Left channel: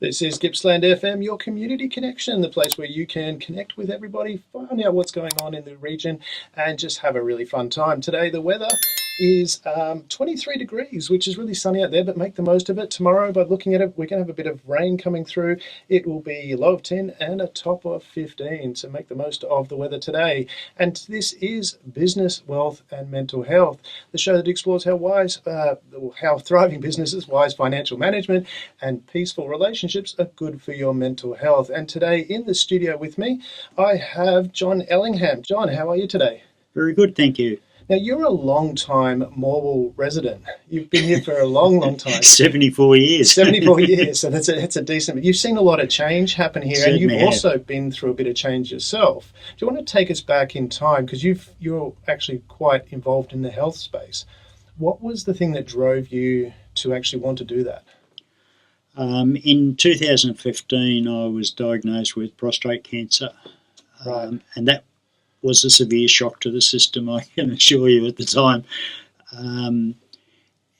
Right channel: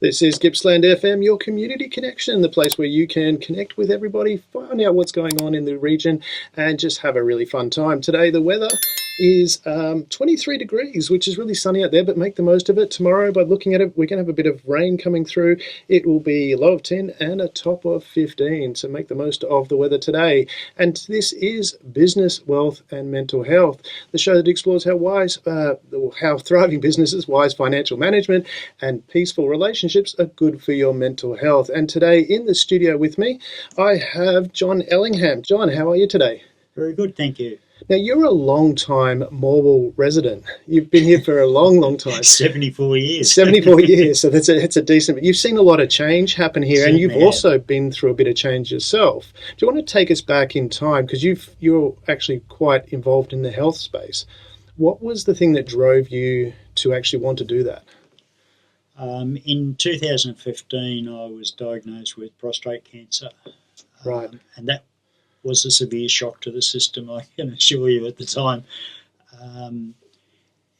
This is Gippsland FM, your community connection, the place where you can connect with everybody, find out what's going on in the region, and just have a really fun time. Today, the weather is 23 degrees, which is really sunny out there, but make the most of it. Tomorrow, by looking at it, we're going to have a bit of rain coming through. It will be low of 10 and a top of 15, so make the most of the weather today. And this is Business, Wealth and Mental Health, the show that explores how thriving businesses, wise financial management, and peaceful relationships are good for your mental health. And today in the studio with me, I have John Ellingham. John, how are you today? Very good, thank you. Now, you're a long-time Morwell resident. You've been here for a long, long time. 74 years. 74 years, so it's a decent... But you've seen a lot of change happen here, and you've also been through a bit of change yourself. Do you want to take us back in time? Because you're actually quite involved in the health space. What was the thing that drove you to actually want to do that? In 2015, I was diagnosed with prostate cancer. Right. And that was a severe shock to the system, I can assure you, at the time. And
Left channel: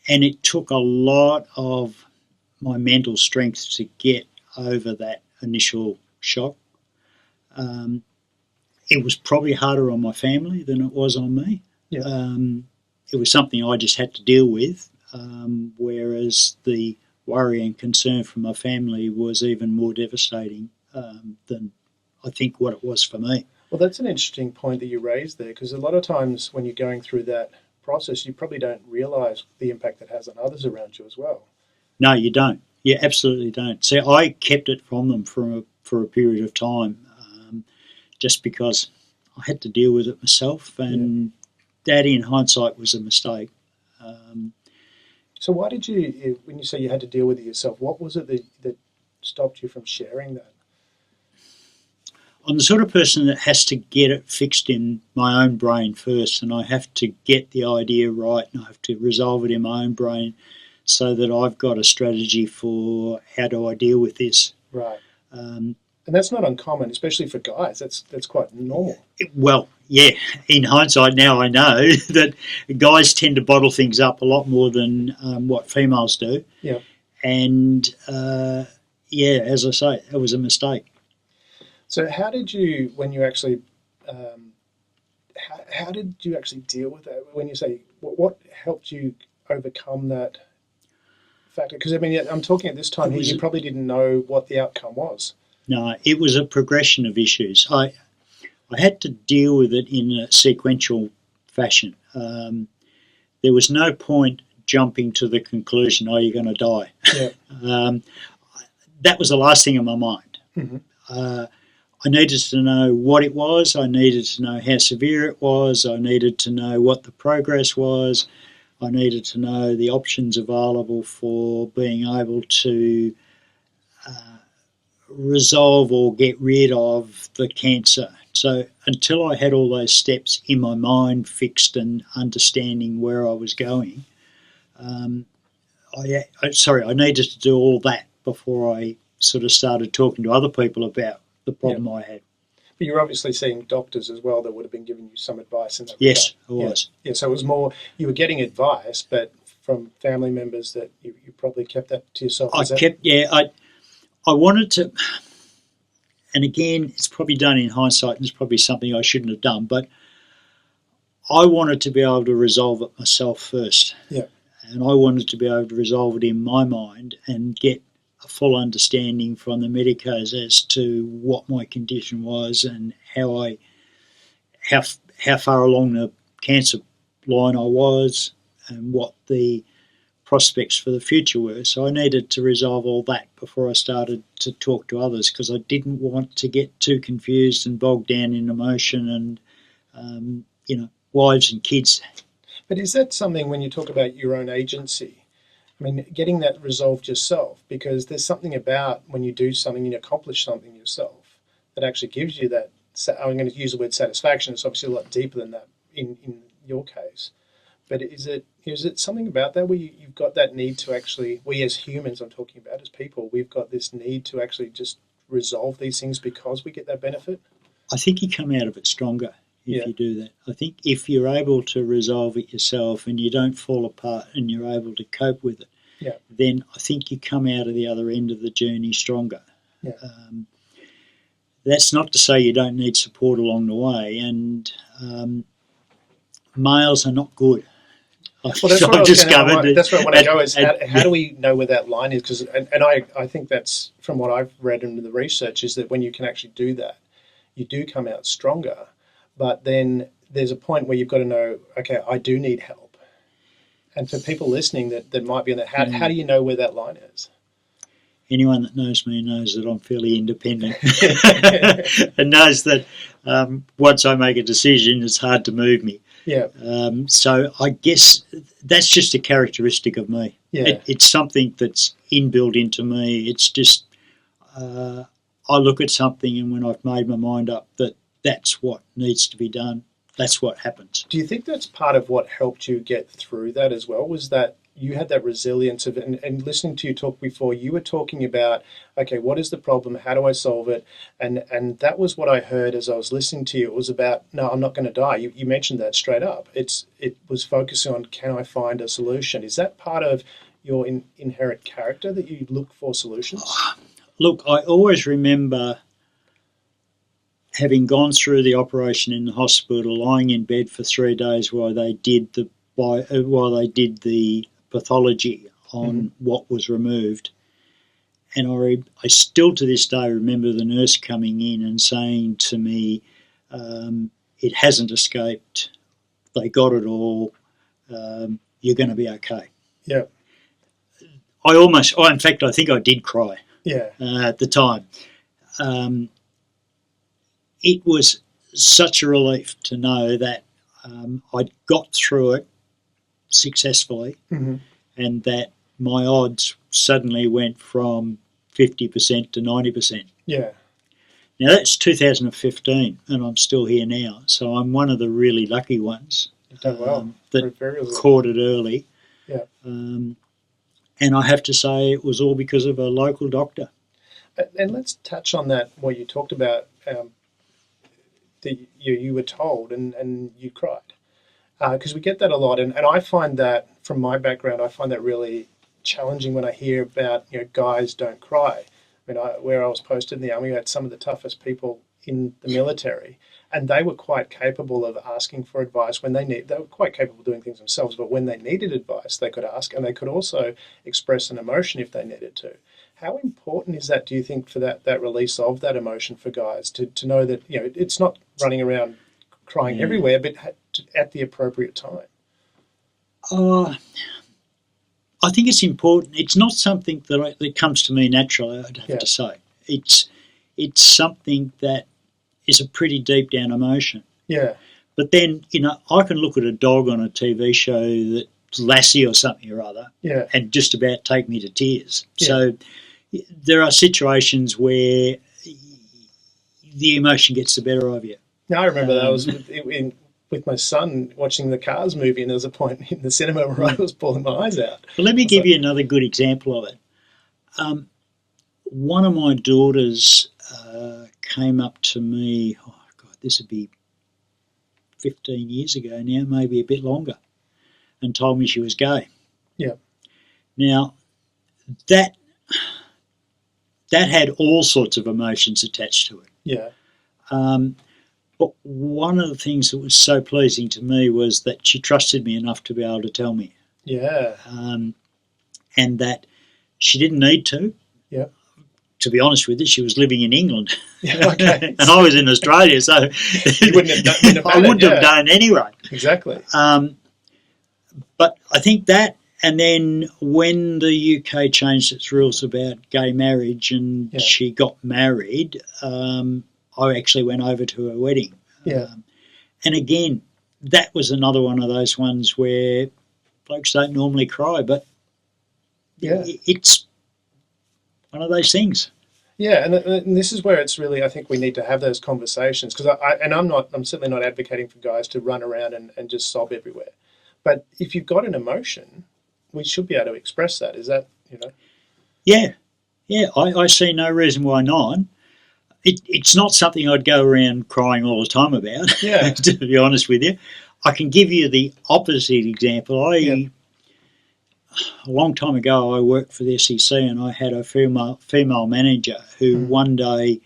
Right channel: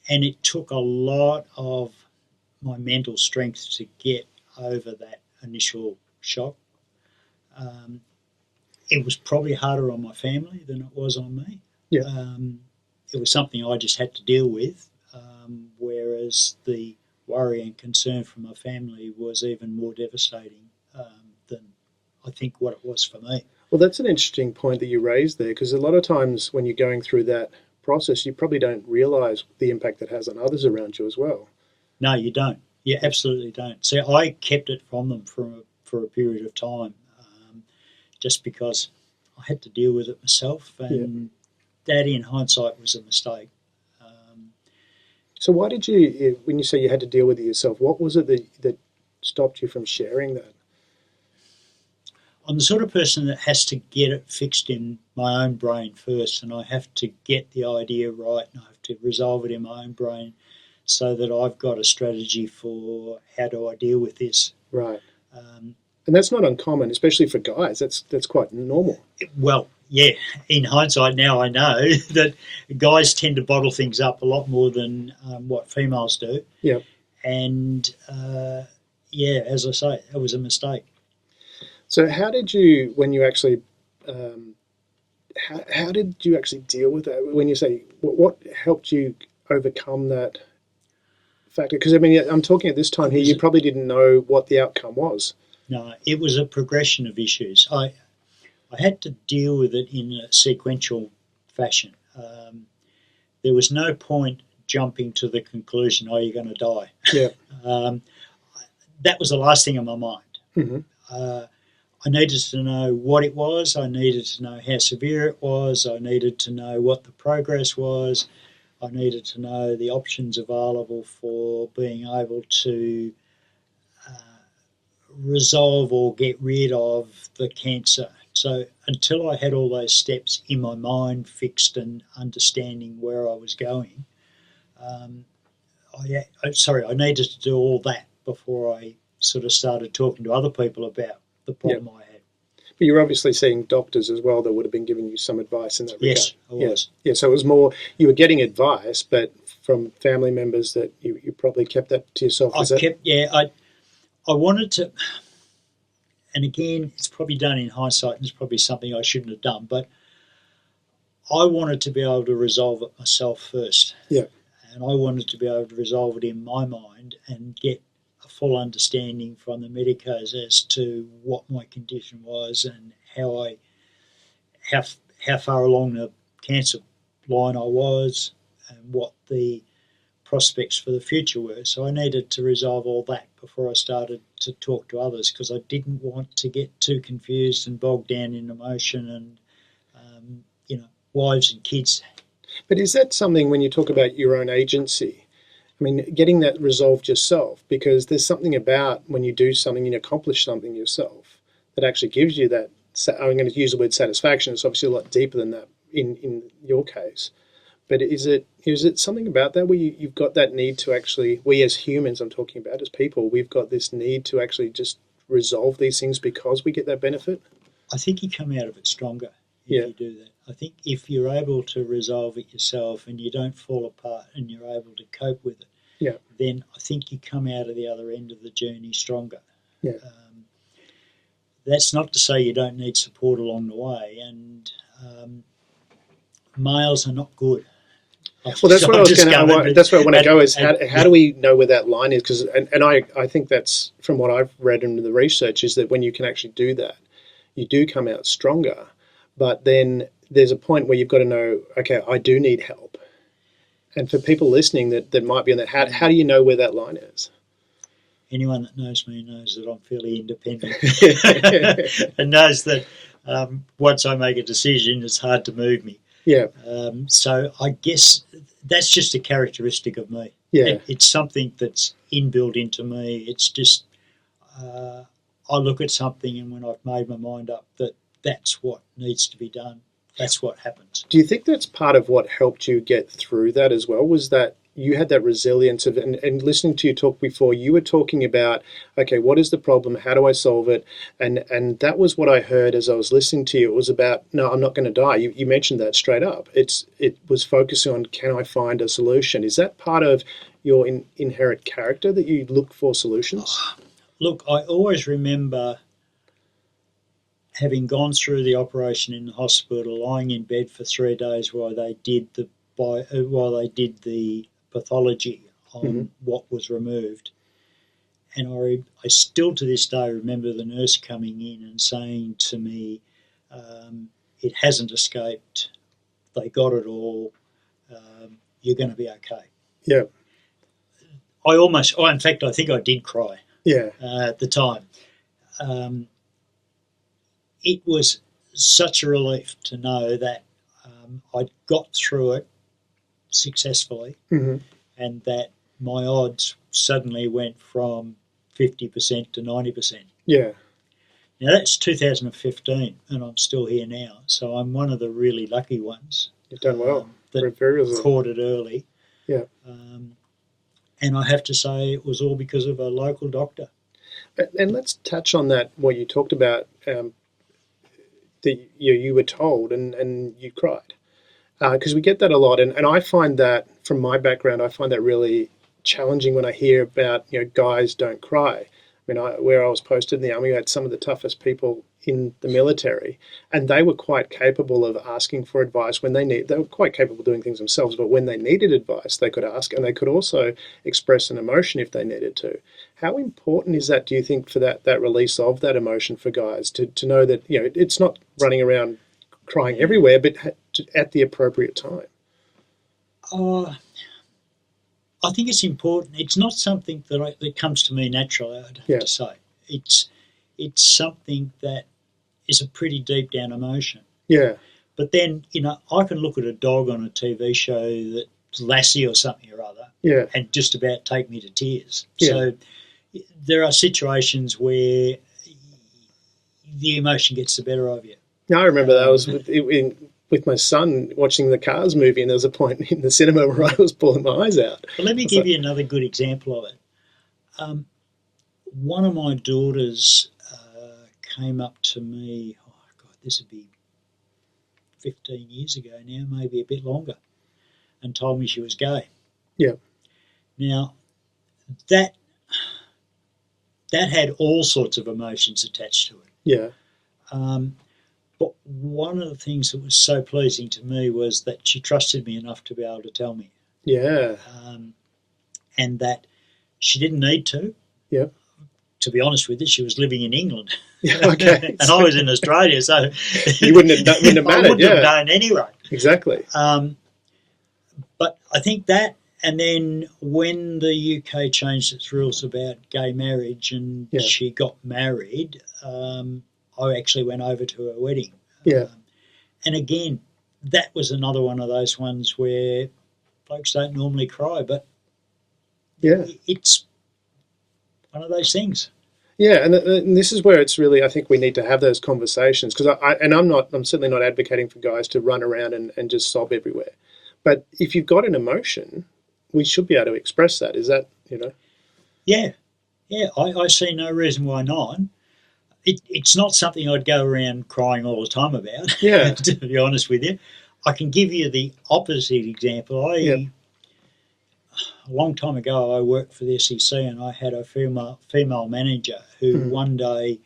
it took a lot of my mental strength to get over that initial shock. It was probably harder on my family than it was on me. Yeah. It was something I just had to deal with, whereas the worry and concern from my family was even more devastating than I think what it was for me. Well, that's an interesting point that you raised there, because a lot of times when you're going through that process, you probably don't realise the impact it has on others around you as well. No, you don't. You absolutely don't. See, I kept it from them for a period of time, just because I had to deal with it myself, and that, in hindsight, was a mistake. So why did you, when you say you had to deal with it yourself, what was it that stopped you from sharing that? I'm the sort of person that has to get it fixed in my own brain first, and I have to get the idea right, and I have to resolve it in my own brain so that I've got a strategy for how do I deal with this. Right. And that's not uncommon, especially for guys. That's quite normal. Well, yeah, in hindsight now I know that guys tend to bottle things up a lot more than what females do. Yeah. And, as I say, it was a mistake. So how did you, when you actually, how did you actually deal with that? When you say, what helped you overcome that factor? Because, I mean, I'm talking at this time here, you probably didn't know what the outcome was. No, it was a progression of issues. I had to deal with it in a sequential fashion. There was no point jumping to the conclusion, oh, you're going to die. Yeah. That was the last thing in my mind. Mm-hmm. I needed to know what it was. I needed to know how severe it was. I needed to know what the progress was. I needed to know the options available for being able to resolve or get rid of the cancer. So until I had all those steps in my mind fixed and understanding where I was going, I needed to do all that before I sort of started talking to other people about the problem I had. But you're obviously seeing doctors as well that would have been giving you some advice in that regard. Yes, I was. Yeah, so it was more, you were getting advice, but from family members that you probably kept that to yourself. I wanted to, and again, it's probably done in hindsight, and it's probably something I shouldn't have done, but I wanted to be able to resolve it myself first. Yeah. And I wanted to be able to resolve it in my mind and get a full understanding from the medicos as to what my condition was and how far along the cancer line I was and what the prospects for the future were. So I needed to resolve all that before I started to talk to others, because I didn't want to get too confused and bogged down in emotion and, wives and kids. But is that something, when you talk about your own agency, I mean, getting that resolved yourself, because there's something about when you do something and you accomplish something yourself that actually gives you that, I'm going to use the word satisfaction, it's obviously a lot deeper than that in your case. But is it something about that where you've got that need to actually, we as humans, I'm talking about as people, we've got this need to actually just resolve these things because we get that benefit? I think you come out of it stronger if you do that. I think if you're able to resolve it yourself and you don't fall apart and you're able to cope with it, Yeah. then I think you come out of the other end of the journey stronger. Yeah. That's not to say you don't need support along the way, and males are not good. Well, that's what that's where I want to go is how do we know where that line is? Because and I think that's from what I've read in the research is that when you can actually do that, you do come out stronger. But then there's a point where you've got to know, okay, I do need help. And for people listening that might be on that, how do you know where that line is? Anyone that knows me knows that I'm fairly independent and knows that once I make a decision, it's hard to move me. Yeah. So I guess that's just a characteristic of me. Yeah. It's something that's inbuilt into me. It's just I look at something, and when I've made my mind up that that's what needs to be done, that's what happens. Do you think that's part of what helped you get through that as well? Was that you had that resilience of, and listening to you talk before, you were talking about, okay, what is the problem? How do I solve it? And that was what I heard as I was listening to you. It was about, no, I'm not going to die. You mentioned that straight up. It was focusing on, can I find a solution? Is that part of your inherent character that you look for solutions? Look, I always remember having gone through the operation in the hospital, lying in bed for 3 days while they did the pathology on what was removed. And I still to this day remember the nurse coming in and saying to me, it hasn't escaped. They got it all. You're going to be okay. Yeah. In fact, I think I did cry. Yeah. At the time. It was such a relief to know that I'd got through it successfully, and that my odds suddenly went from 50% to 90%. Yeah. Now that's 2015, and I'm still here now, so I'm one of the really lucky ones. You've done well. That caught it early. Yeah. And I have to say it was all because of a local doctor. And let's touch on that, what you talked about, that you were told and you cried. Because we get that a lot, and I find that from my background, I find that really challenging when I hear about guys don't cry. I mean, where I was posted in the army, I had some of the toughest people in the military, and they were quite capable of asking for advice when they were quite capable of doing things themselves, but when they needed advice, they could ask, and they could also express an emotion if they needed to. How important is that, do you think, for that release of that emotion for guys to know that it's not running around crying everywhere, but at the appropriate time? I think it's important. It's not something that comes to me naturally, I'd have to say. It's something that is a pretty deep down emotion. Yeah. But then, I can look at a dog on a TV show that's Lassie or something or other, and just about take me to tears. Yeah. So there are situations where the emotion gets the better of you. I remember that. I was with my son watching the Cars movie, and there was a point in the cinema where I was pulling my eyes out. Well, let me give you another good example of it. One of my daughters came up to me, this would be 15 years ago now, maybe a bit longer, and told me she was gay. Yeah. Now, that had all sorts of emotions attached to it. Yeah. But one of the things that was so pleasing to me was that she trusted me enough to be able to tell me. Yeah. And that she didn't need to. Yeah. To be honest with you, she was living in England. Yeah, okay. And I was in Australia, so you wouldn't have I wouldn't have known anyway. Exactly. But I think that, and then when the UK changed its rules about gay marriage and she got married, I actually went over to her wedding. Yeah. And again, that was another one of those ones where blokes don't normally cry, but it's one of those things. Yeah, and this is where it's really, I think we need to have those conversations, because I'm certainly not advocating for guys to run around and just sob everywhere. But if you've got an emotion, we should be able to express that. Is that, Yeah, I see no reason why not. It's not something I'd go around crying all the time about, yeah. To be honest with you. I can give you the opposite example. a long time ago, I worked for the SEC, and I had a female manager who one day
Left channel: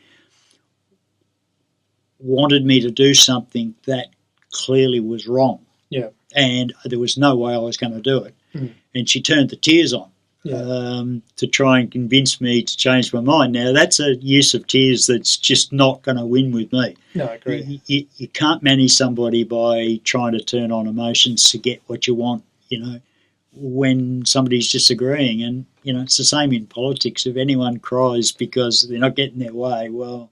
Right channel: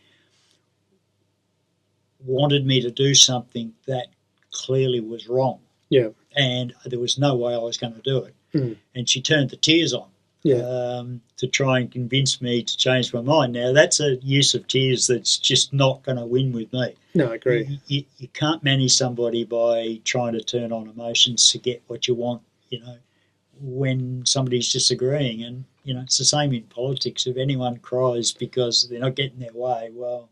wanted me to do something that clearly was wrong. Yeah. And there was no way I was going to do it. Mm. And she turned the tears on. Yeah. To try and convince me to change my mind. Now, that's a use of tears that's just not going to win with me. No, I agree. You can't manage somebody by trying to turn on emotions to get what you want, when somebody's disagreeing. And, it's the same in politics. If anyone cries because they're not getting their way, well,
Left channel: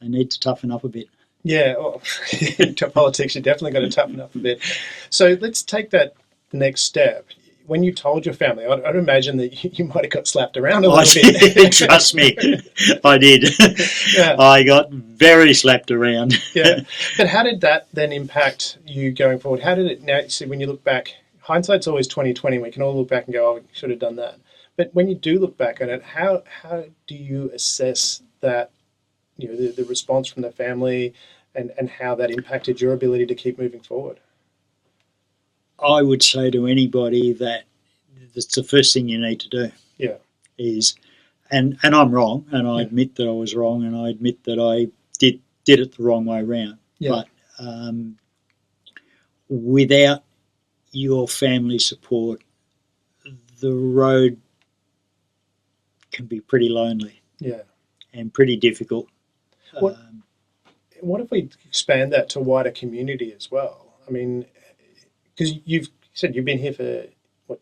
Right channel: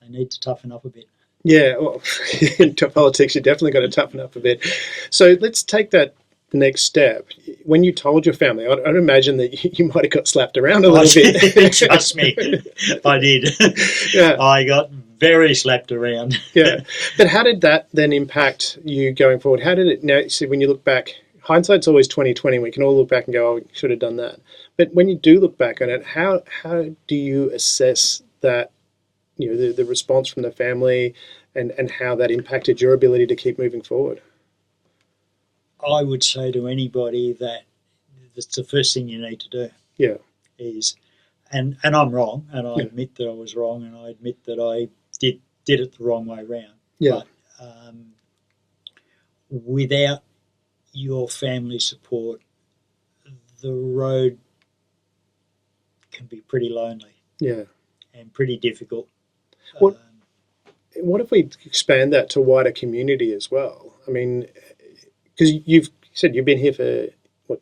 they need to toughen up a bit. Yeah, well, into politics, you definitely got to toughen up a bit. So let's take that the next step. When you told your family, I'd imagine that you might have got slapped around a little bit. Trust me, I did. Yeah. I got very slapped around. Yeah. But how did that then impact you going forward? How did it, now, see, when you look back, hindsight's always 20/20. We can all look back and go, oh, we should have done that. But when you do look back on it, how do you assess that, the response from the family and how that impacted your ability to keep moving forward? I would say to anybody that that's the first thing you need to do. Yeah. Is, and I'm wrong, and I admit that I was wrong, and I admit that I did it the wrong way around. Yeah. But without your family support, the road can be pretty lonely. Yeah. And pretty difficult. What if we expand that to wider community as well? I mean, because you've said you've been here for,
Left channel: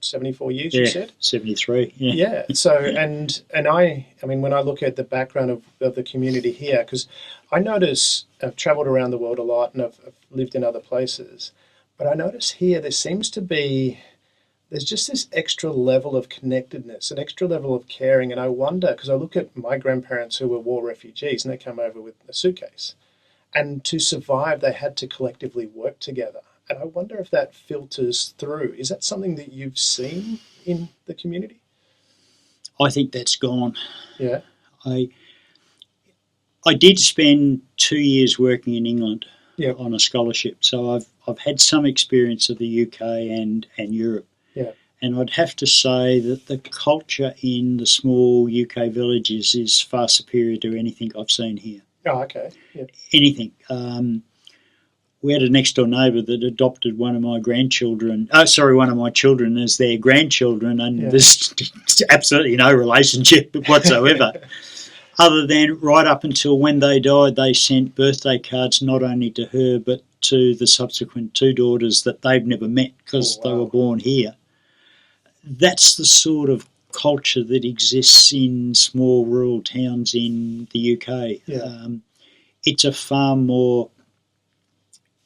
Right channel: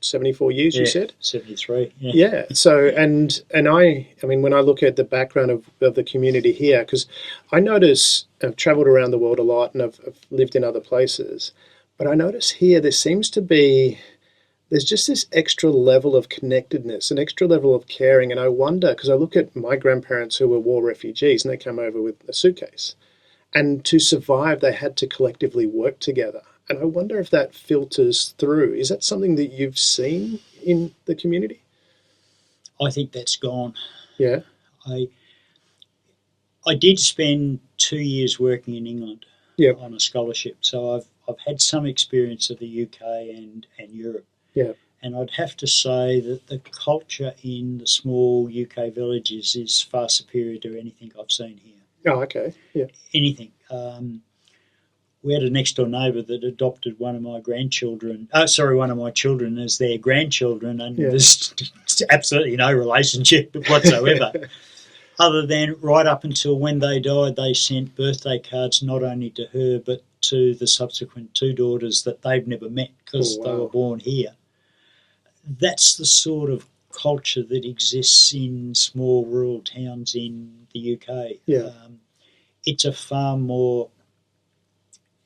74 years, you said? 73, yeah. Yeah, so, and I mean, when I look at the background of the community here, because I notice, I've travelled around the world a lot and I've lived in other places, but I notice here there seems to be, there's just this extra level of connectedness, an extra level of caring, and I wonder, because I look at my grandparents who were war refugees and they came over with a suitcase, and to survive they had to collectively work together. And I wonder if that filters through. Is that something that you've seen in the community? I think that's gone. Yeah. I did spend 2 years working in England on a scholarship, so I've had some experience of the UK and Europe. Yeah. And I'd have to say that the culture in the small UK villages is far superior to anything I've seen here. Oh, okay. Yeah. Anything. We had a next door neighbour that adopted one of my children as their grandchildren, and there's absolutely no relationship whatsoever. Other than right up until when they died, they sent birthday cards not only to her but to the subsequent 2 daughters that they've never met because they were born here. That's the sort of culture that exists in small rural towns in the UK. Yeah. It's a far more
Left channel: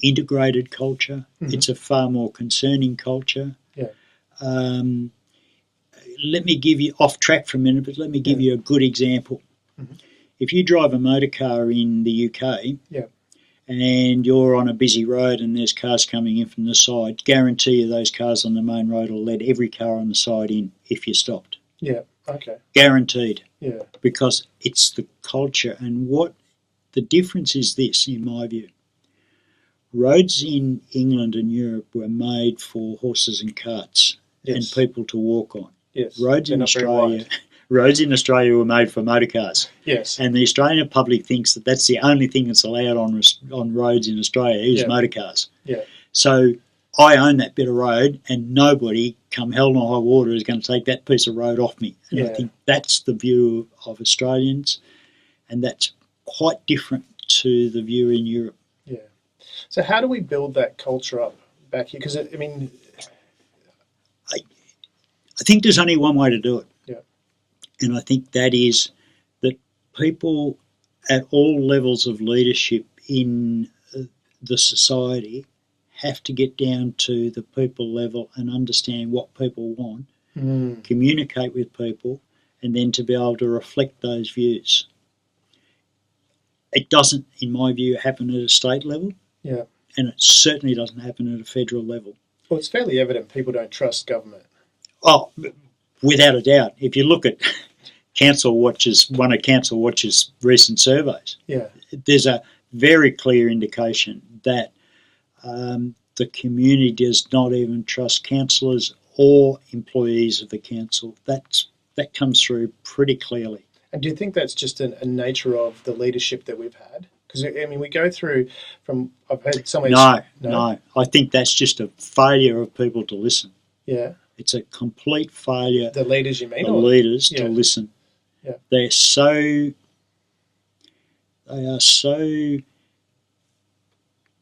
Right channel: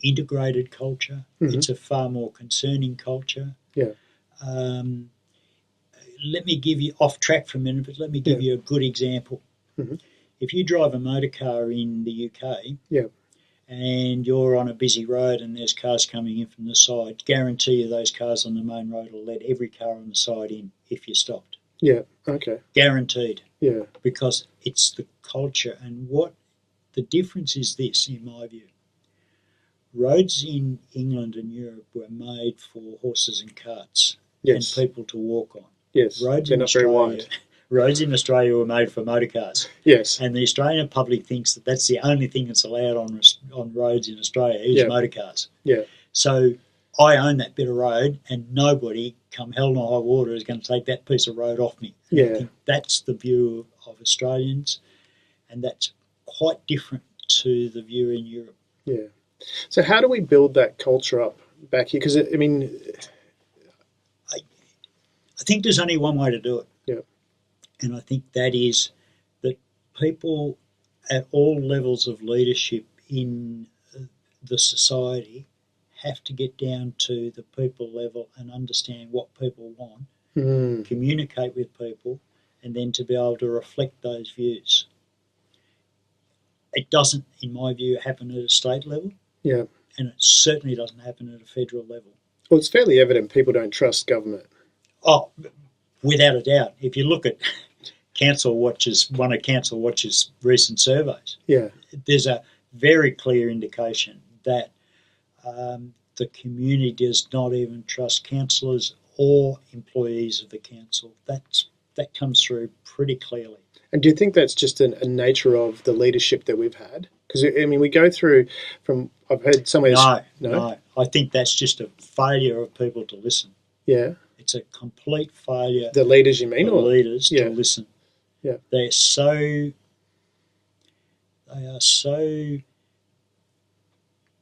integrated culture. Mm-hmm. It's a far more concerning culture. Yeah. Let me give you, off track for a minute, but let me give you a good example. Mm-hmm. If you drive a motor car in the UK and you're on a busy road and there's cars coming in from the side, guarantee you those cars on the main road will let every car on the side in if you stopped. Yeah, okay. Guaranteed. Yeah. Because it's the culture. And what the difference is this, in my view. Roads in England and Europe were made for horses and carts and people to walk on. Yes. Roads in Australia were made for motor cars. Yes. And the Australian public thinks that that's the only thing that's allowed on roads in Australia is motor cars. Yeah. So I own that bit of road, and nobody, come hell nor high water, is going to take that piece of road off me. And I think that's the view of Australians, and that's quite different to the view in Europe. Yeah. So how do we build that culture up back here? Because, I mean... I think there's only one way to do it. Yeah. And I think that is that people at all levels of leadership in the society have to get down to the people level and understand what people want, communicate with people, and then to be able to reflect those views. It doesn't, in my view, happen at a state level. Yeah. And it certainly doesn't happen at a federal level. Well, it's fairly evident people don't trust government. Oh, without a doubt. If you look at one of Council Watch's recent surveys, there's a very clear indication that the community does not even trust councillors or employees of the council. That comes through pretty clearly. And do you think that's just a nature of the leadership that we've had? Because I mean, we go through from I've heard some ways. No. I think that's just a failure of people to listen. Yeah. It's a complete failure. The leaders, you mean? The leaders to listen. Yeah. They are so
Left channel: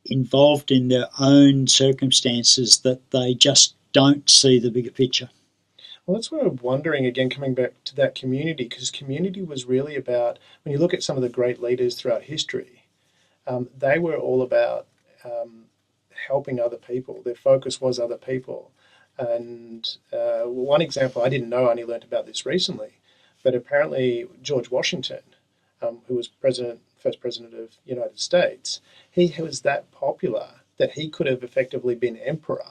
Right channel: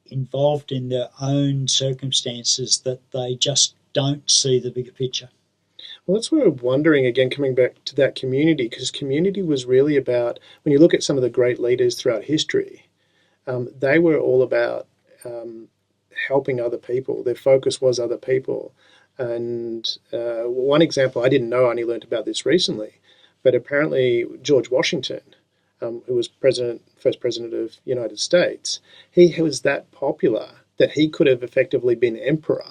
involved in their own circumstances that they just don't see the bigger picture. Well, that's what I'm wondering again, coming back to that community, because community was really about, when you look at some of the great leaders throughout history, they were all about helping other people. Their focus was other people. And one example, I didn't know, I only learned about this recently, but apparently George Washington, who was first president of the United States, he was that popular that he could have effectively been emperor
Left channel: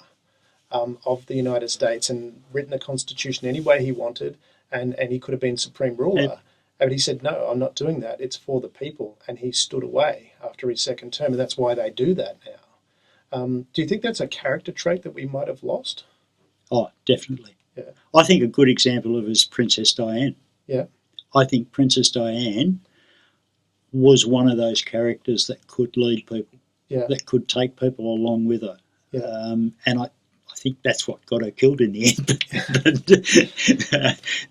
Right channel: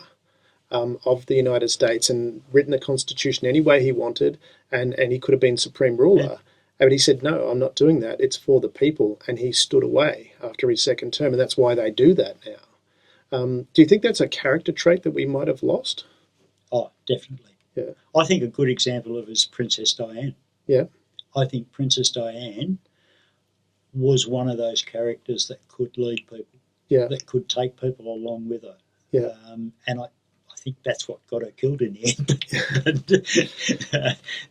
of the United States and written a constitution any way he wanted, and he could have been supreme ruler. But he said, no, I'm not doing that. It's for the people. And he stood away after his second term, and that's why they do that now. Do you think that's a character trait that we might have lost? Oh, definitely. Yeah. I think a good example of it is Princess Diana. Yeah. I think Princess Diana was one of those characters that could lead people, that could take people along with her. Yeah. And I think that's what got her killed in the end.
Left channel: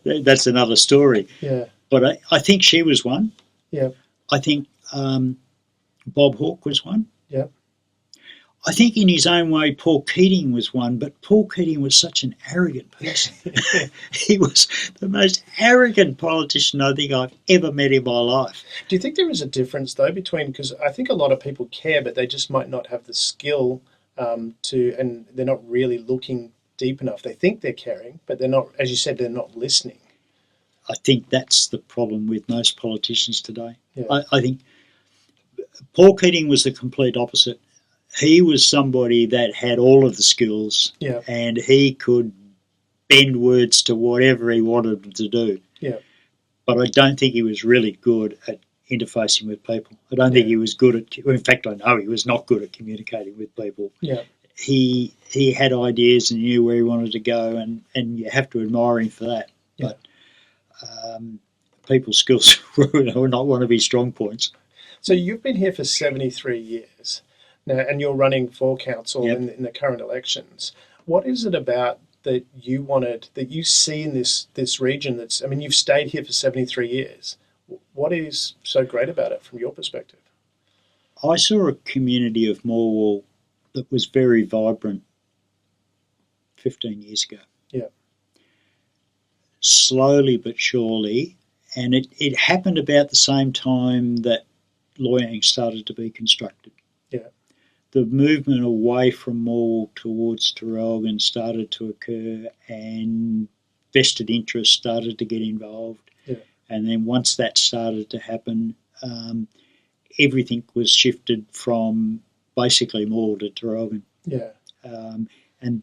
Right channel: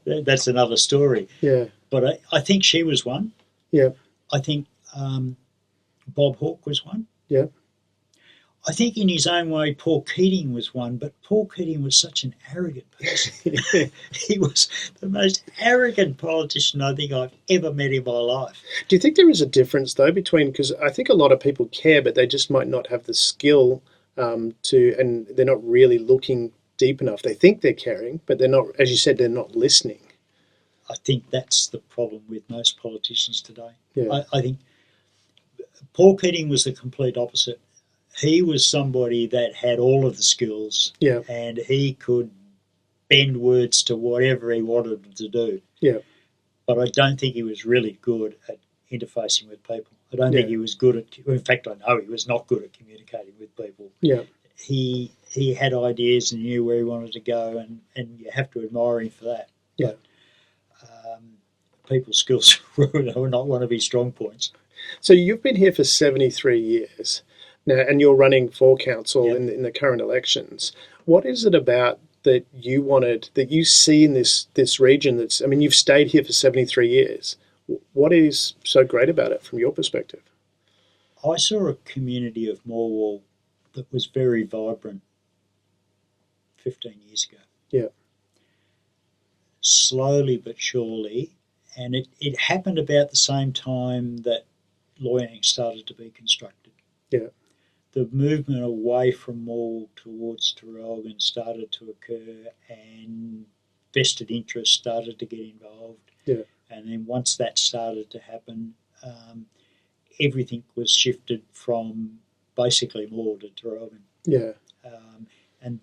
But that's another story. Yeah. But I think she was one. Yeah. I think Bob Hawke was one. Yeah. I think in his own way Paul Keating was one, but Paul Keating was such an arrogant person. He was the most arrogant politician I think I've ever met in my life. Do you think there is a difference, though, between, because I think a lot of people care, but they just might not have the skill and they're not really looking deep enough. They think they're caring, but they're not, as you said, they're not listening. I think that's the problem with most politicians today. Yeah. I think Paul Keating was the complete opposite. He was somebody that had all of the skills, and he could bend words to whatever he wanted them to do. Yeah. But I don't think he was really good at interfacing with people. I don't think he was good at, in fact, I know he was not good at communicating with people. Yeah. He had ideas and knew where he wanted to go, and you have to admire him for that. Yeah. But people's skills were not one of his strong points. So you've been here for 73 years now, and you're running for council in the current elections. What is it about that you wanted, that you see in this region that's, I mean, you've stayed here for 73 years. What is so great about it from your perspective? I saw a community of Morwell that was very vibrant 15 years ago. Yeah. Slowly but surely, and it happened about the same time that Loy started to be constructed. Yeah. The movement away from Morwell towards Traralgon started to occur, and vested interests started to get involved. Yeah. And then once that started to happen, everything was shifted from basically Morwell to Traralgon. Yeah. And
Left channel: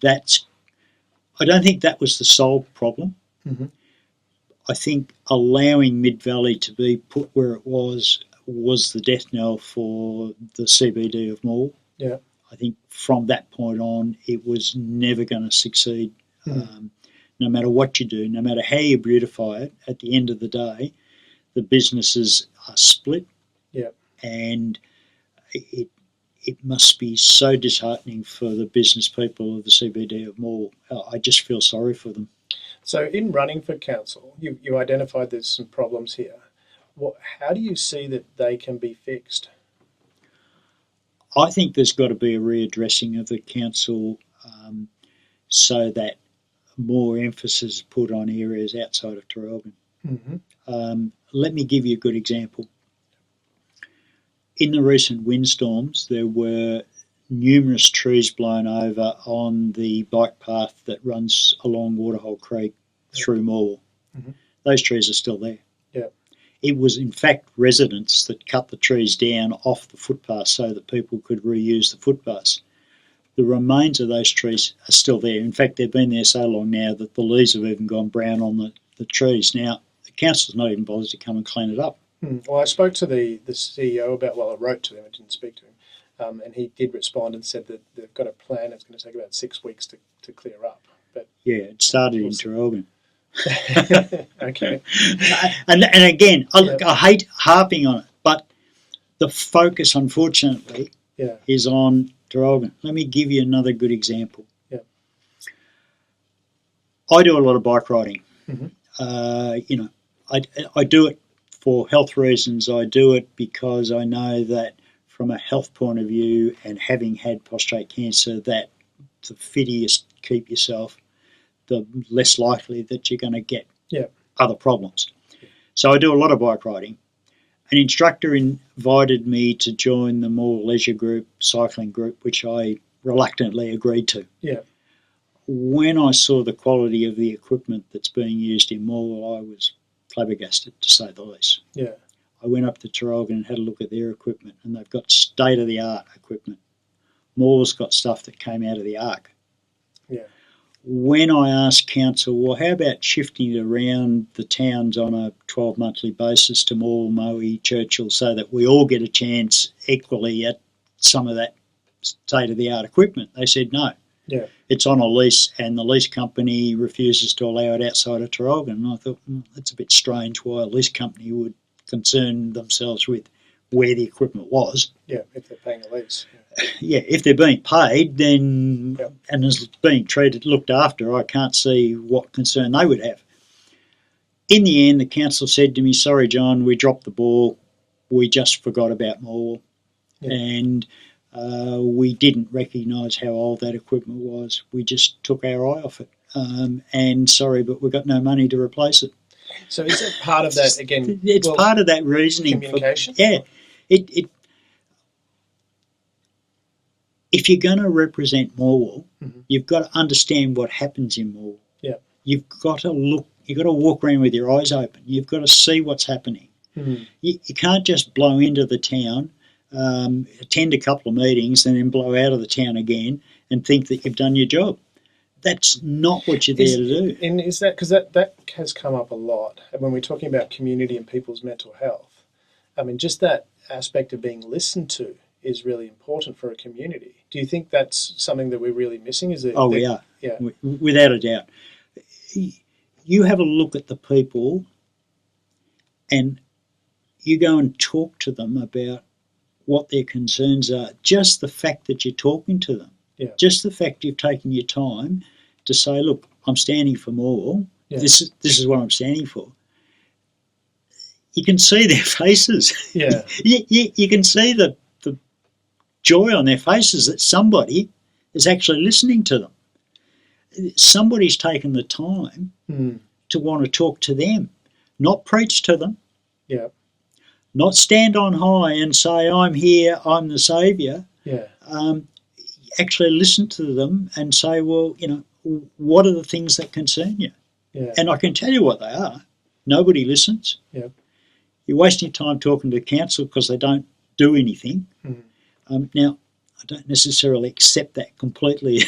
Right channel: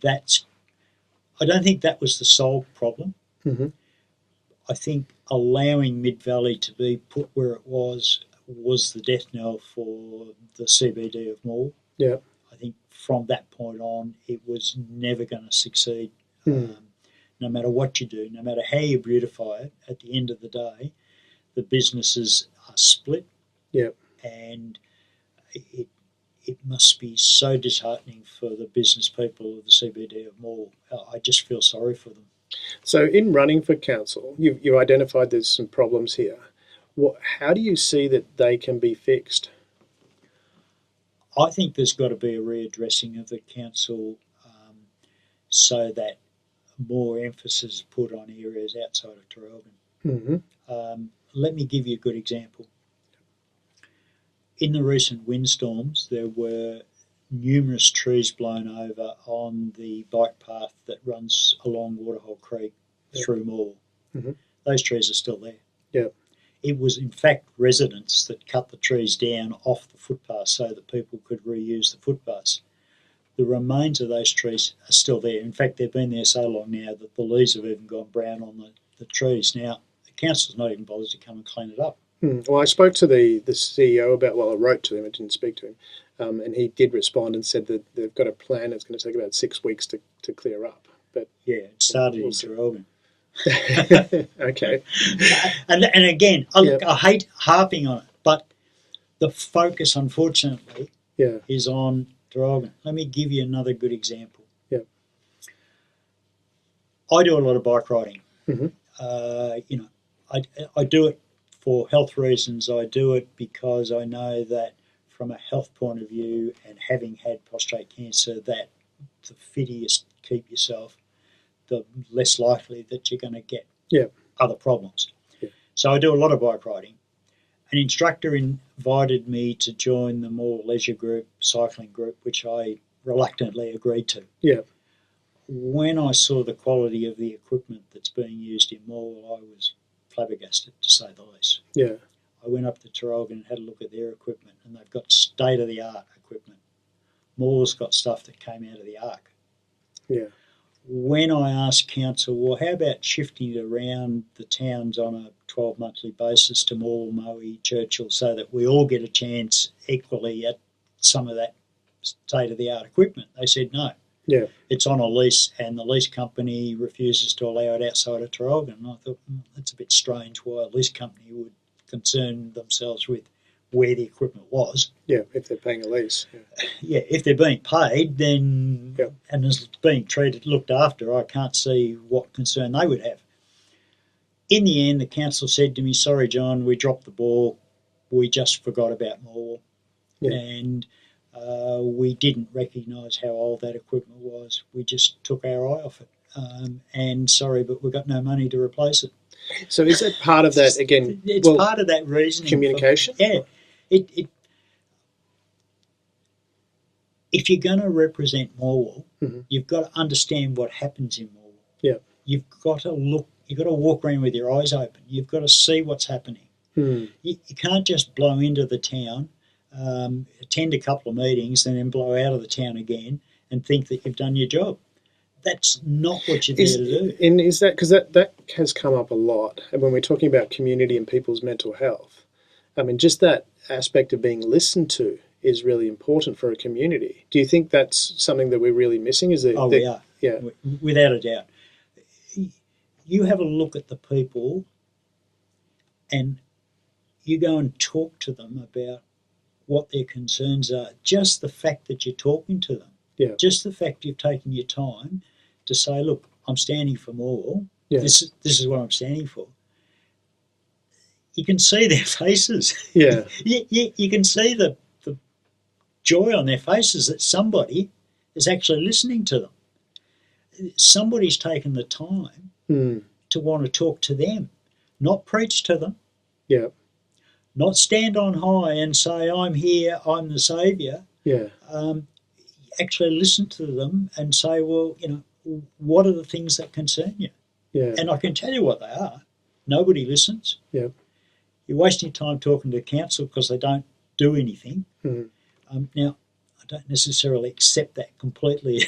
I don't think that was the sole problem. Mm-hmm. I think allowing Mid Valley to be put where it was the death knell for the CBD of Morwell. Yeah. I think from that point on, it was never going to succeed. No matter what you do, no matter how you beautify it, at the end of the day, the businesses are split. Yeah. And it must be so disheartening for the business people of the CBD of Morwell. I just feel sorry for them. So in running for council, you identified there's some problems here. How do you see that they can be fixed? I think there's got to be a readdressing of the council so that more emphasis is put on areas outside of Traralgon. Mm-hmm. Let me give you a good example. In the recent windstorms, there were numerous trees blown over on the bike path that runs along Waterhole Creek through Morwell. Mm-hmm. Those trees are still there. Yeah. It was, in fact, residents that cut the trees down off the footpath so that people could reuse the footpaths. The remains of those trees are still there. In fact, they've been there so long now that the leaves have even gone brown on the trees. Now, the council's not even bothered to come and clean it up. Well, I spoke to the CEO about, I wrote to him, I didn't speak to him, and he did respond and said that they've got a plan. It's going to take about 6 weeks to clear up. Yeah, it started in Traralgon. Okay. And again, I hate harping on it, but the focus, unfortunately, Yeah. is on Traralgon. Let me give you another good example. Yeah. I do a lot of bike riding. Mhm. I do it for health reasons. I do it because I know that from a health point of view, and having had prostate cancer, that the fitter you keep yourself, the less likely that you're going to get other problems. Yeah. So I do a lot of bike riding. An instructor invited me to join the More Leisure Group cycling group, which I reluctantly agreed to. Yeah. When I saw the quality of the equipment that's being used in Morwell, I was flabbergasted, to say the least. Yeah. I went up to Traralgon and had a look at their equipment, and they've got state-of-the-art equipment. Morwell's got stuff that came out of the ark. Yeah. When I asked council, well, how about shifting it around the towns on a 12-monthly basis to Morwell, Moe, Churchill, so that we all get a chance equally at some of that state-of-the-art equipment? They said no. Yeah. It's on a lease, and the lease company refuses to allow it outside of Traralgon. And I thought, that's a bit strange why a lease company would concern themselves with where the equipment was. Yeah, if they're paying a lease. Yeah, if they're being paid, then and it's being looked after, I can't see what concern they would have. In the end, the council said to me, sorry, John, we dropped the ball. We just forgot about Morwell. Yeah. And we didn't recognise how old that equipment was. We just took our eye off it. And sorry, but we've got no money to replace it. So is that part of that, again? It's part of that reasoning. Communication? If you're going to represent Morwell, mm-hmm. you've got to understand what happens in Morwell. Yeah. You've got to walk around with your eyes open. You've got to see what's happening. Mm. You can't just blow into the town, attend a couple of meetings, and then blow out of the town again and think that you've done your job. That's not what you're there to do. And is that because that has come up a lot, and when we're talking about community and people's mental health, I mean, just that aspect of being listened to is really important for a community. Do you think that's something that we're really missing? We are. Yeah. Without a doubt. You have a look at the people and you go and talk to them about what their concerns are. Just the fact that you're talking to them. Yeah. Just the fact you've taken your time to say, look, I'm standing for Morwell. Yeah. This is what I'm standing for. You can see their faces. Yeah. You can see the joy on their faces that somebody is actually listening to them. Somebody's taken the time to want to talk to them, not preach to them. Yeah. Not stand on high and say, I'm here, I'm the saviour. Yeah. Actually listen to them and say, well, what are the things that concern you? Yeah. And I can tell you what they are. Nobody listens. Yeah. You're wasting time talking to the council because they don't do anything. Mm. Now, I don't necessarily accept that completely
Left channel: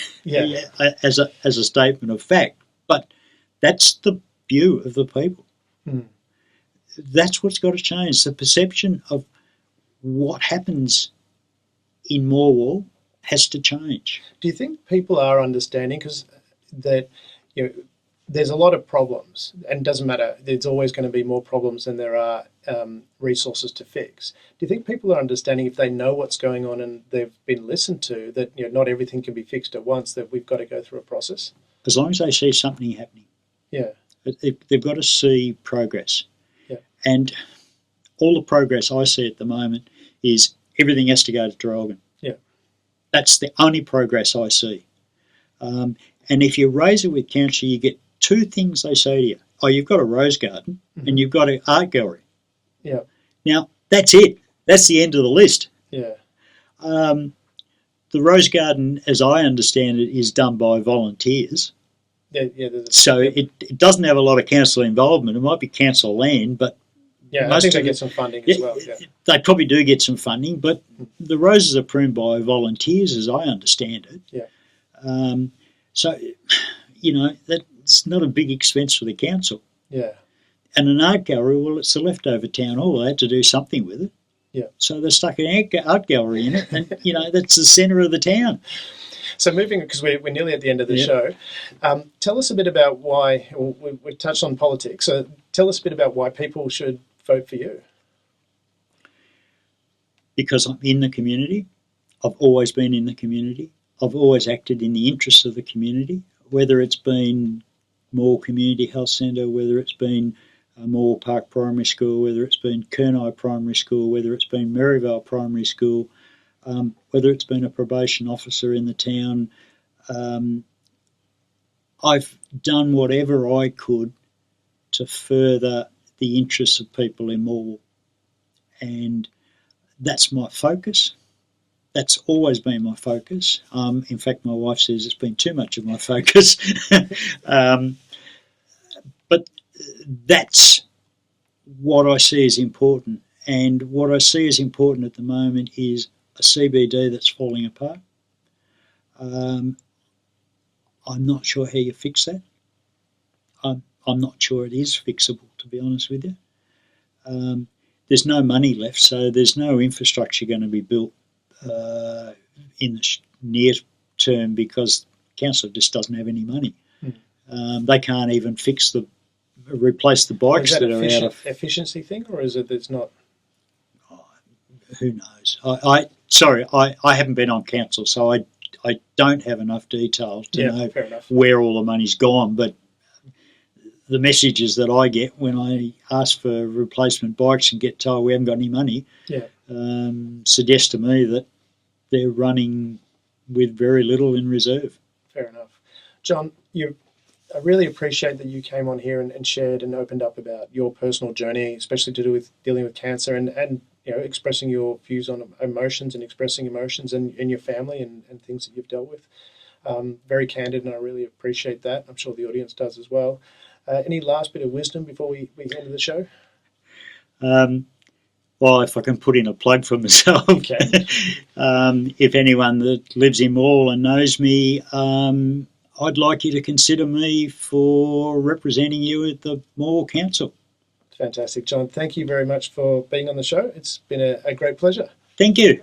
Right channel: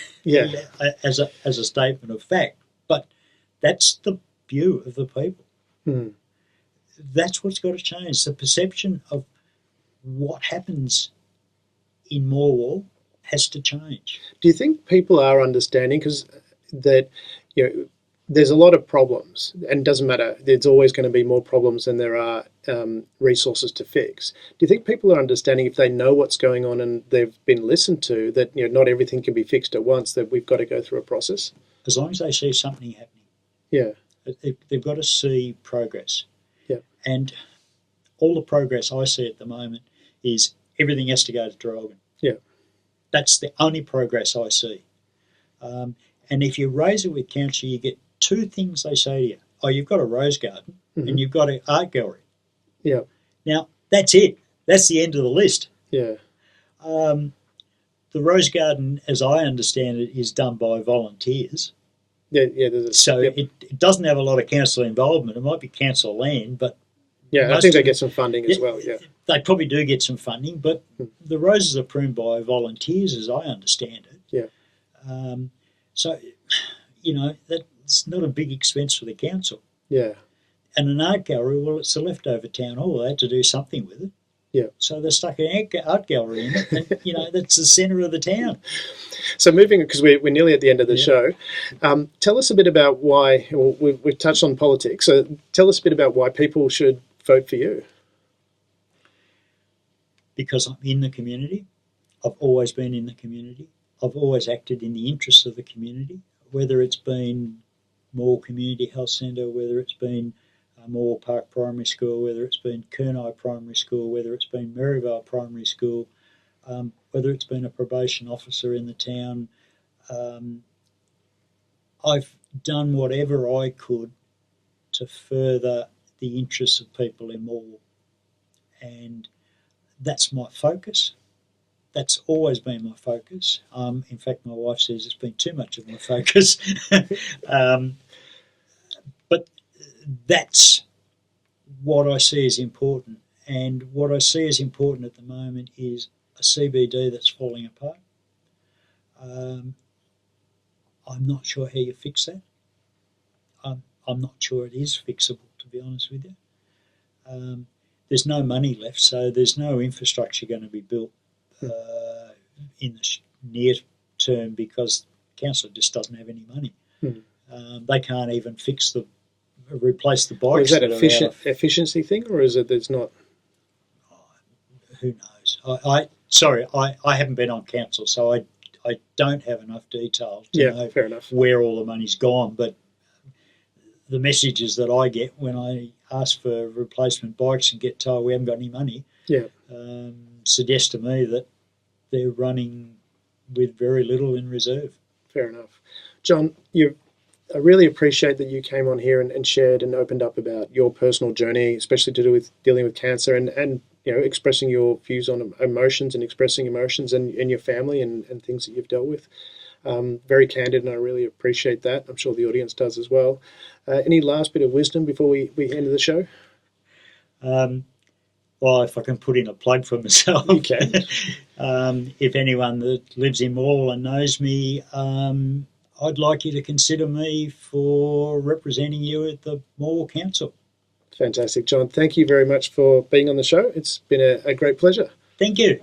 as a statement of fact, but that's the view of the people. Mm. That's what's got to change. The perception of what happens in Morwell has to change. Do you think people are understanding, because there's a lot of problems, and it doesn't matter, there's always going to be more problems than there are resources to fix. Do you think people are understanding, if they know what's going on and they've been listened to, that not everything can be fixed at once, that we've got to go through a process? As long as they see something happening. Yeah. They've got to see progress. Yeah. And all the progress I see at the moment is everything has to go to Traralgon. Yeah. That's the only progress I see. And if you raise it with council, you get two things they say to you. Oh, you've got a rose garden and you've got an art gallery. Yeah. Now, that's it. That's the end of the list. Yeah. The rose garden, as I understand it, is done by volunteers. Yeah. So it doesn't have a lot of council involvement. It might be council land, but I think they get some funding as well. Yeah. They probably do get some funding, but the roses are pruned by volunteers, as I understand it. Yeah. So, that's not a big expense for the council. Yeah. And an art gallery, well, it's a leftover town hall. They had to do something with it. Yeah. So they stuck an art gallery in it, and, that's the centre of the town. So moving, because we're nearly at the end of the show, tell us a bit about why, well, we've touched on politics, so tell us a bit about why people should vote for you. Because I'm in the community. I've always been in the community. I've always acted in the interests of the community, whether it's been Moore Community Health Centre, whether it's been Moore Park Primary School, whether it's been Kernai Primary School, whether it's been Maryvale Primary School, whether it's been a probation officer in the town. I've done whatever I could to further the interests of people in Moore, and that's my focus. That's always been my focus. In fact, my wife says it's been too much of my focus. But that's what I see as important. And what I see as important at the moment is a CBD that's falling apart. I'm not sure how you fix that. I'm not sure it is fixable, to be honest with you. There's no money left, so there's no infrastructure going to be built in the near term because council just doesn't have any money. They can't even replace the bikes. Is that an efficiency thing, or is it there's not? Who knows? I haven't been on council, so I don't have enough detail to know where all the money's gone. But the messages that I get when I ask for replacement bikes and get told we haven't got any money, suggest to me that they're running with very little in reserve. Fair enough. John, I really appreciate that you came on here and shared and opened up about your personal journey, especially to do with dealing with cancer and expressing your views on emotions and expressing emotions and your family and things that you've dealt with. Very candid, and I really appreciate that. I'm sure the audience does as well. Any last bit of wisdom before we end the show? Well, if I can put in a plug for myself. Okay. If anyone that lives in Moore and knows me, I'd like you to consider me for representing you at the Moore Council. Fantastic, John. Thank you very much for being on the show. It's been a great pleasure. Thank you.